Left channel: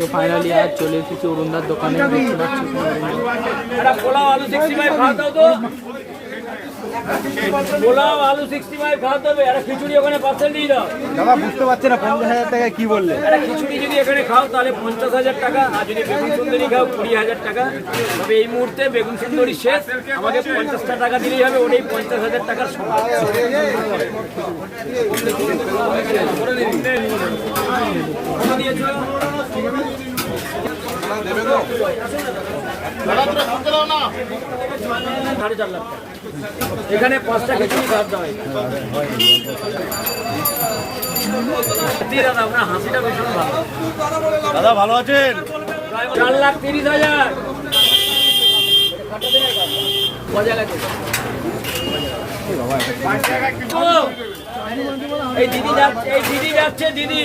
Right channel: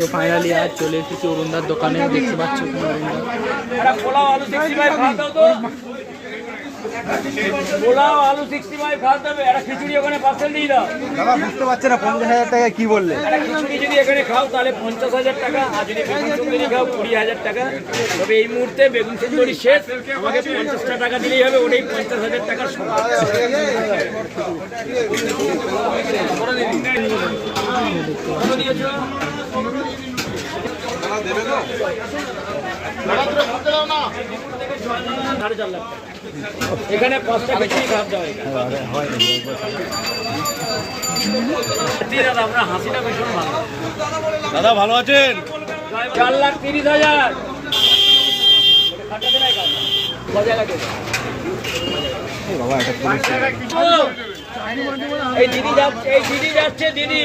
তো ফাইনালি আজ চলে এসেছি অরুণদার দোকানে, দেখতে পাচ্ছি পোলাও আলু 65 খাওয়া দাও তো, পোলাও আলু 65 খাওয়া দেবে। একটা খিচুড়ি ওখানে পার্সেল দিয়ে দাও। দাদা বুঝতে পারছে না 50,000 টাকা কি বললে। একটা খিচুড়ি যদি এখানে খাও তাহলে 50,000 টাকা, আর যদি বেগুন সুন্দরী খাও 20,000 টাকা। তবে এই মুহূর্তে বেগুন সুন্দরী শেষ, আমাকে 50টা টাকা দিলেই হবে, ওটাই 50,000 টাকার সমান। $4.5 লাখ টাকা। এখানে 5টা খিচুড়ি খাওয়া দাওয়া দাদা, আপনার হাসিটা ভীষণ ভালো। দাদা ভালো আছেন? 4,30,000। এই দিদি যাচ্ছে, দিদি